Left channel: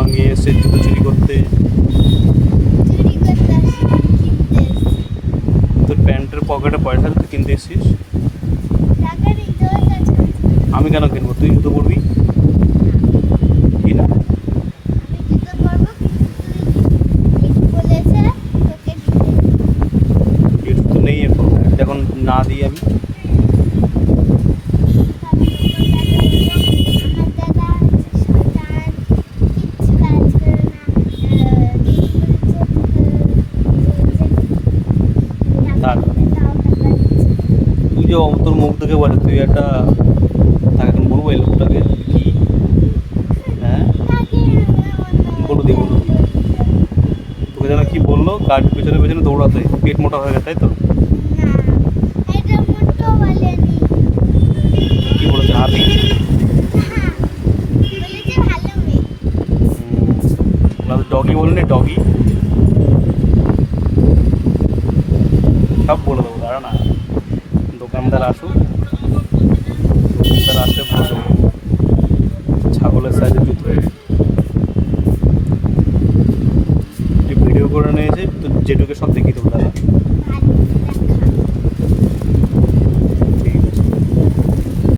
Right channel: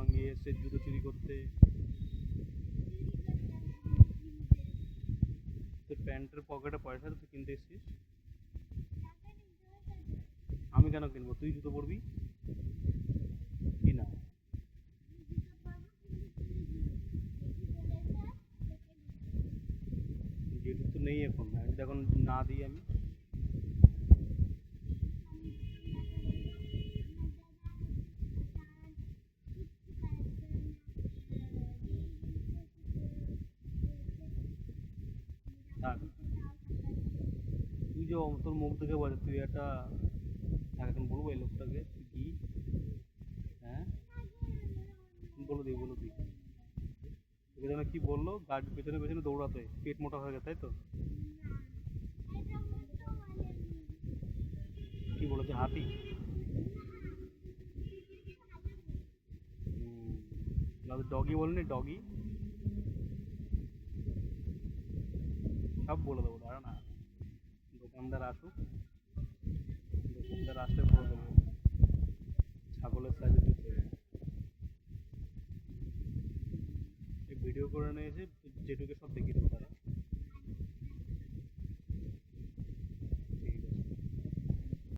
সঙ্গে এসে জুতো চুরি করতে। তোর প্যান্টের পকেটে পয়সা তুই কিনতে এসছিস। আমি কেন কিনবো? তুই জুতো পরবি কি না? গিফট তো নেই এখন, যখন না দিই আমি। তুই যে তোর মুখ দেখে বলে তুই একটা তাকে এখন বলবো এই লোকটাকে কি? হ্যাঁ বলো দি বলো। তোকে যেন কি বললো, গাড়ির পেছনে পেছনে দৌড়াতে, পেট মোটা হয়ে গেছে তাই তো? কি বলেছে হাতি? ডগি বলেনি? ডগি সব বলে দেবো, দাঁড়া না। দোকানদার আসুক, দোকানদার আসলে বলে দেবো ছাগলের সাইজে জুতো। ভিডিও করে নিয়েছে তো, যেটুকু সব দেখিয়ে দেবো দাদা।